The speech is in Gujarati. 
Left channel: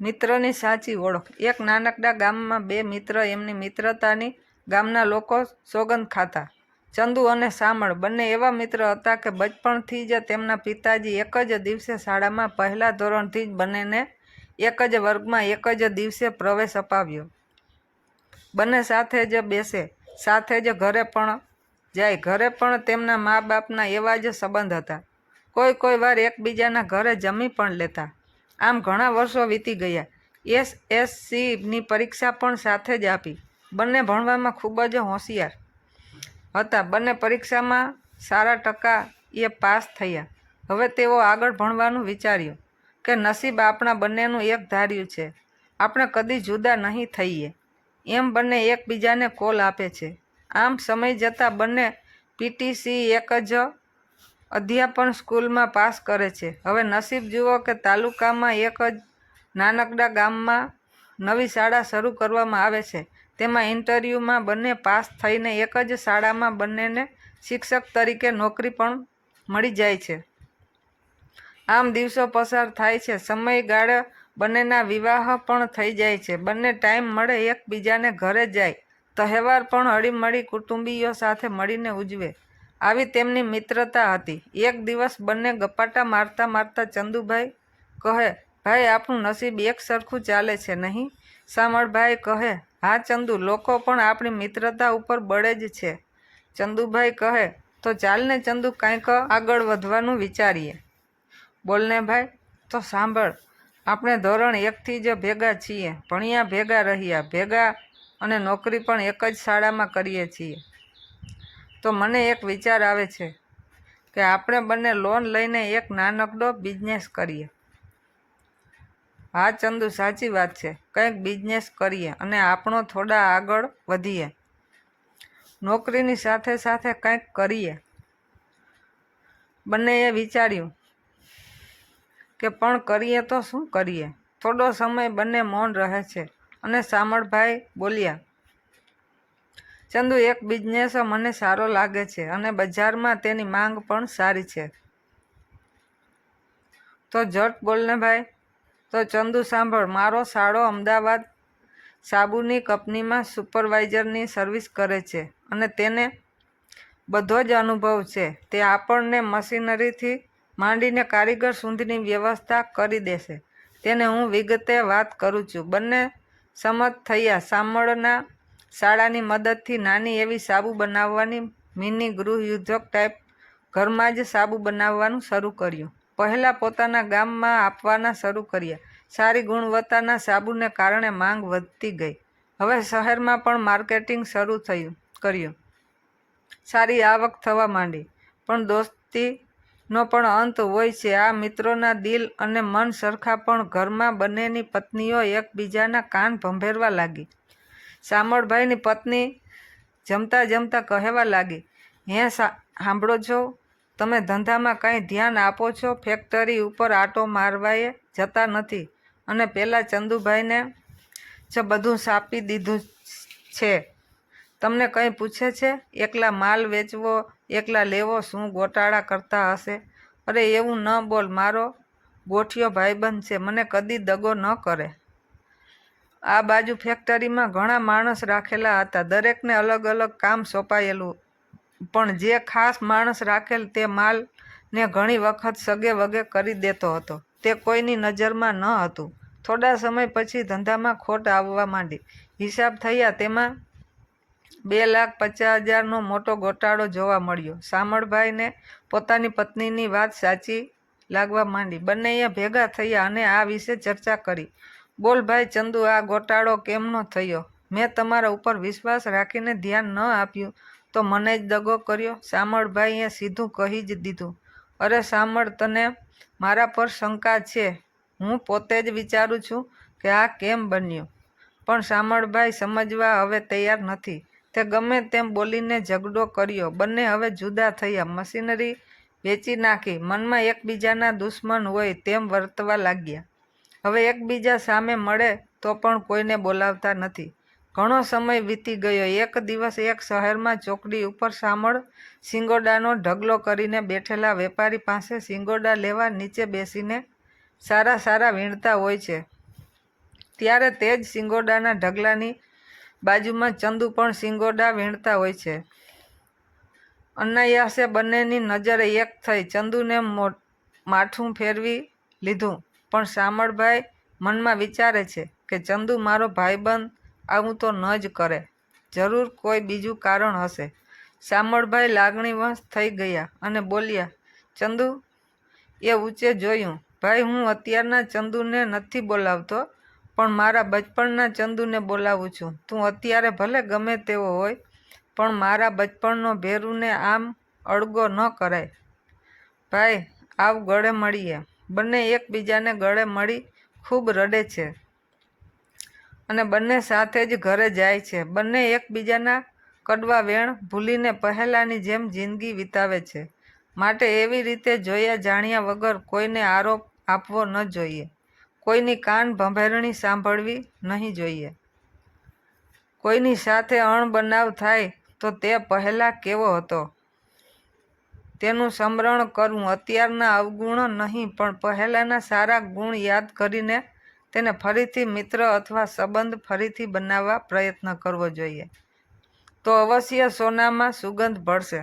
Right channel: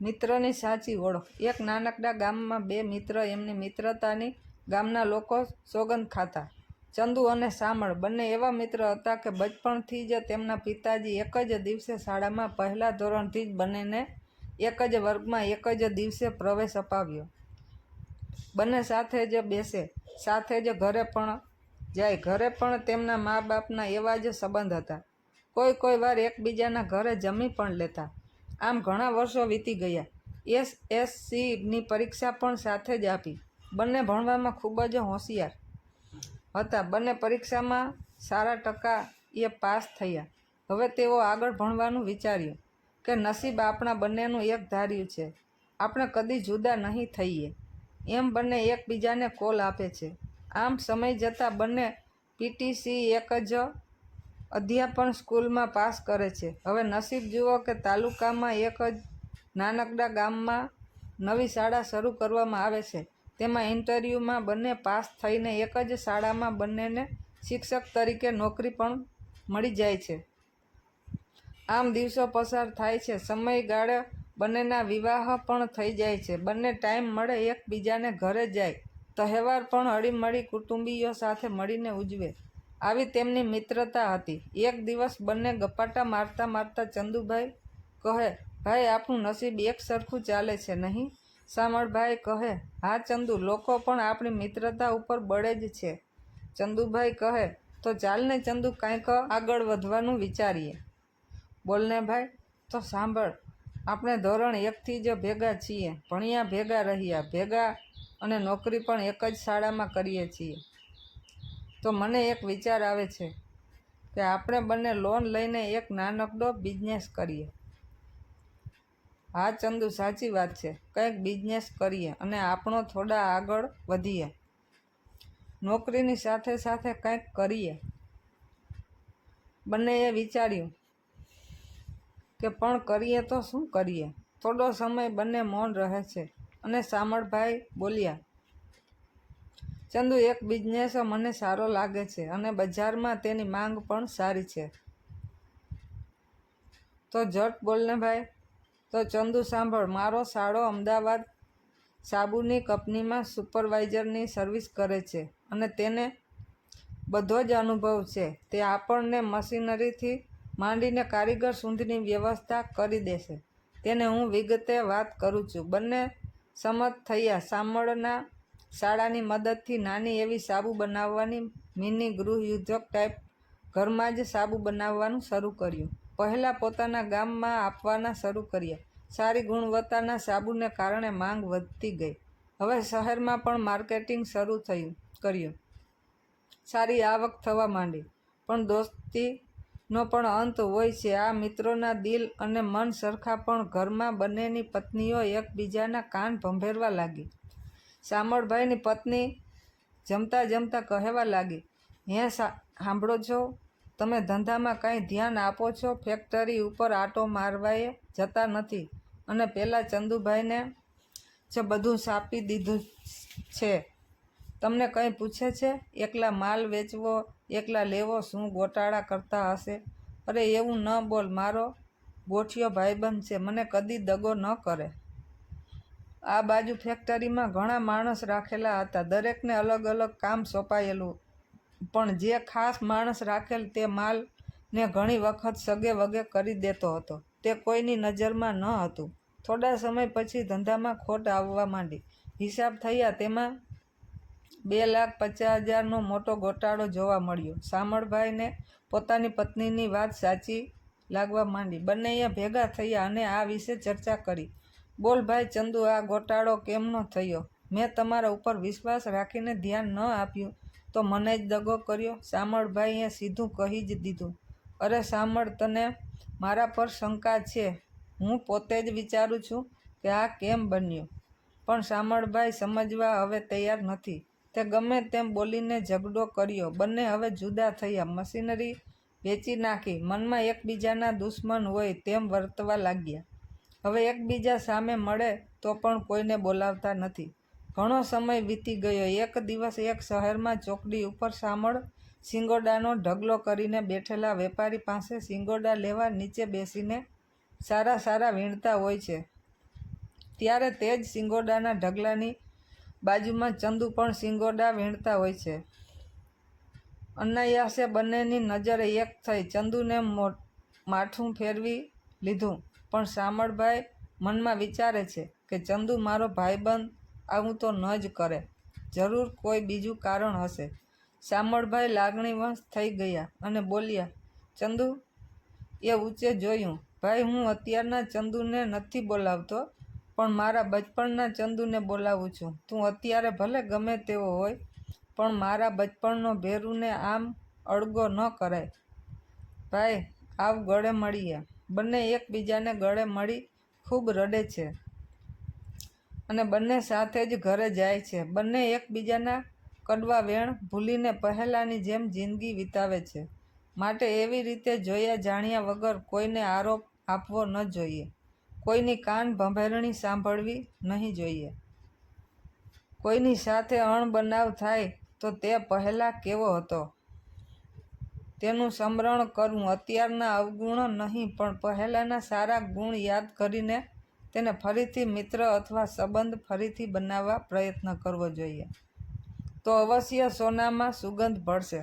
મિત્રની સાચી ઓળખ। એક નાનકડા ગામમાં બે મિત્ર એમની મિત્રતાની ગામના લોકો સોગંદ ખાતા। ચંદુ અને શામળ બંને એવા મિત્ર હતા કે બચપણથી જ તેમના પિતાજી એક જ દિવસે શાળામાં પહેલા ધોરણથી જ બંનેને એક જ વર્ગમાં એક જ દિવસે પ્રવેશ અપાવ્યો। બંને સાથે જ બેસે, સાથે જ ઘરે પણ જાય। ઘરે પણ તેમના મા બાપના એવા જ સંબંધ હતા। કોઈ વાર એકબીજાના ઘરે જમી પણ લેતા। આમ ઘણા વર્ષો વીતી ગયા। SSCની પરીક્ષા પણ સાથે જ આપી। બંને ભણવામાં ખૂબ જ હોશિયાર હતા। બંને પરીક્ષામાં સારા ટકાએ પાસ થયા। હવે તેઓ આગળ ભણવાનું વિચાર્યું કે નસીબ આપણા બંનેનું એક ધાર્યું છે, આપણે કદી જુદા નહીં થઈએ એમ બંને એકબીજાને કોલ આપે છે। આમ સમય જતાં બંને PTC એક જ અધ્યાપન સ્કૂલમાં પાસ કરે છે। હવે નસીબ જુઓ કે તાલુકામાં એક જ નાનકડા ગામમાં નવી શાળા શરૂ કરવામાં આવે છે। તેમાં ઇન્ટરવ્યૂમાં બંને પાસ થઈને એક જ શાળામાં બંનેને શિક્ષક તરીકે નોકરી પણ મળી જાય છે। આમ દિવસો પસાર થાય છે। સમયગાળે બંનેના વિવાહ પણ થઈ જાય છે। બંને ટાઈમ મળે એકબીજાને ઘરે જાય। તહેવાર પણ હળીમળી કુટુંબીઓ સાથે મળીને ઉજવે, આવી તેમની મિત્રતા હતી। એક દિવસ બંને ગપાટા મારતા મારતા ચંદુભાઈ કહે, ભાઈ આપણું નસીબ એક સરખું ચાલે છે નહીં? શામળભાઈ કહે, હા ચંદુ, લોકો પણ આપણી મિત્રતા ઉપર બળે જ છે। ચંદુભાઈ કહે, તો ચાલને ચંદુ, કાંઈક આગળ વધવાનું વિચારીએ। બોલને ભાઈ, તો સાંભળ, આપણે ધોરણ 1થી જ ભેગા છીએ, ભણ્યા ભેગા રહ્યા ભેગા અને નોકરી પણ એક જ શાળામાં કરીએ છીએ। તો મને એક વિચાર આવે છે કે આપણે બંને લોન લઈને એક નાનકડો બિઝનેસ કરીએ। હા ચંદુ, સાચી વાત છે, કંઈક બિઝનેસ કરીએ અને આપણો થોડા આગળ વધીએ, નોકરીની સાથે સાથે કંઈક કરીએ। બંનેએ વિચાર્યું કે પણ કરીએ તો શું કરીએ? થોડો સમય બંને મૌન રહે છે અને શામળભાઈ બોલ્યા, ચંદુ, એક બિઝનેસ મને સારો લાગે છે અને બજારમાં તેની માંગ પણ સારી છે। તો ઝટ બોલને ભાઈ। તો ચંદુ સાંભળ, મારો સાળો અમદાવાદ સાબુની કંપનીમાં સુપરવાઇઝરની સર્વિસ કરે છે અને તેને બધો જ અનુભવ છે। તે આપણને મશીનરીથી માંડીને કારીગર સુધીની વ્યવસ્થા કરી દેશે। તેને હું વિગતે વાત કરું છું। બંને સંમત થયા। શામળના શાળાની મદદથી નાની એવી સાબુ બનાવવાની મિની ગૃહયુદ્ધક ટાઈપ ઘરમાં જ સાબુ બનાવવાનું શરૂ કર્યું। પહેલાં પોતાના ગામમાં આપવાના શરૂ કર્યા। સારી ગુણવત્તાના સાબુને કારણે માંગ વધતી ગઈ। હવે શહેરમાં પણ માર્કેટિંગ શરૂ કર્યું। સારી આવક થવા માંડી। પણ દોસ્તીનો પણ અંત હોય છે। આ મિત્રોના દિલ અને મન સરખા, પણ ઘરમાં બંનેની પત્નીઓ એકબીજાના કાન ભંભેરવા લાગી। શામળભાઈની પત્ની જમતા જમતા કહેવા લાગી, હે સાંભળો છો, તમે ધંધામાં કાંઈ ધ્યાન આપો છો? ફેક્ટરી ઉપર આંટો મારવાયે જતા નથી અને પેલા ચંદુભાઈને જ બધું સાપી દીધું છે? તમને કંઈ પૂછે છે? એકલા માલ વેચવો, એકલા લેવો, શું ગોટાળા કરતા હશે? અરે એવું ન બોલ, મારો ગોઠિયો ભાઈબંધ છે, મને કદી દગો ન કરે। આ બાજુ ફેક્ટરીમાં ઘણા માણસ રાખેલા હતા, દરેકને અલગ અલગ કામ સોંપાયેલું, પણ જે ખાસ માણસ રાખેલ તે માલને ઘણી વખત સગે વગે કરી દેતો હતો। તે કોઈની નજરમાં ન હતું। થોડા સમય પછી ધંધામાં ખોટ આવવા માંડી। હિસાબ થયા, તેમાં 2,50,000નો મોટો ગોટાળો જોવા મળ્યો। શામળભાઈને પોતાની પત્નીની વાત સાચી લાગવા માંડી। બંનેએ ભેગા થયા અને આ વિશે ચર્ચા કરી। બોલ ભાઈ ચંદુ, આ ગોટાળો કેમનો થયો? મેં તમારા ઉપર વિશ્વાસ રાખીને ધ્યાન ન આપ્યું તો મને જ દગો કર્યો? શામળભાઈએ સીધું કહી જ દીધું, અરે શામળ, તને મારા પર શંકા છે? હું પોતે જ વિચારું છું કે આ કેમ બન્યું, પણ શામળભાઈ સમજવા હવે તૈયાર નથી। તે ગમે તેમ બોલીને ઝઘડો કર્યો। બંને હવે જુદા થયા, મશીનરી વેચી નાખી, મનમાં એકબીજાના દુશ્મન હોય તેમ વર્તવા લાગ્યા। હવે એકબીજા સામે મળે તો પણ કોઈને બોલાવતા નથી। ઘણો સમય વીતી ગયો। એક દિવસ એક શહેરમાં ચોકડી ઉપર શામળ શિંગોડાનો ઢગલો કરીને બેઠેલા વેપારી પાસે શિંગોડા લેવા નીચે બેસીને સારા સારા વીણતા હોય છે। ત્યારે તે જ સિંગોડાના ઢગલાની બાજુમાં ચંદુ પણ સિંગોડા વીણતા હોય છે. અનાયાસે બંનેની નજરે એક થઈ. ચંદુને માથું ફેરવી લીધું, પણ શામળભાઈ મનમાં વિચારે છે કે ચંદુ મારો ભાઈબંધ આવું તો ન જ કરે, જરૂર કોઈ બીજું કારણ હશે. શામળભાઈ લાગણીવશ થઈ ગયા અને બોલ્યા, ચંદુ, એ ઊંચે જોયું. ભાઈ, હું અત્યારના ચંદુને નથી બોલાવતો, પણ મારા બચપણના ચંદુને બોલાવું છું. તું અત્યારે ભલે ગમે તેવો હોય, પણ મારા બચપણનો ભેરુને આમ અળગો ન કરાય. ભાઈ, આવ ગળે મળીએ. બંને એકબીજાને ગળે મળી ખૂબ રડે છે અને બંને સાથે જ ઘરે જાય છે. બંને એકબીજાના કડવા વેણ ભૂલીને પહેલાંની જેમ જિંદગી વિતાવે છે. માટે એવી રીતે જોયા જાણ્યા વગર કોઈને આરોપ આપવો ન જોઈએ. કોઈની કાન ભંભેરણી સાંભળવી નહીં જોઈએ. કોઈની સાથે અણબનાવ થાય તો તે પહેલાં કેવો હતો તેનું સ્મરણ કરવું. અત્યારના અવગુણ નહીં, પણ પહેલાંના સારા ગુણ યાદ કરીને તેને ફરીથી મિત્ર અથવા સંબંધ ફરીથી બનાવવા પ્રયત્ન કરવો જોઈએ. તો અવશ્ય સોનામાં સુગંધ ભળશે.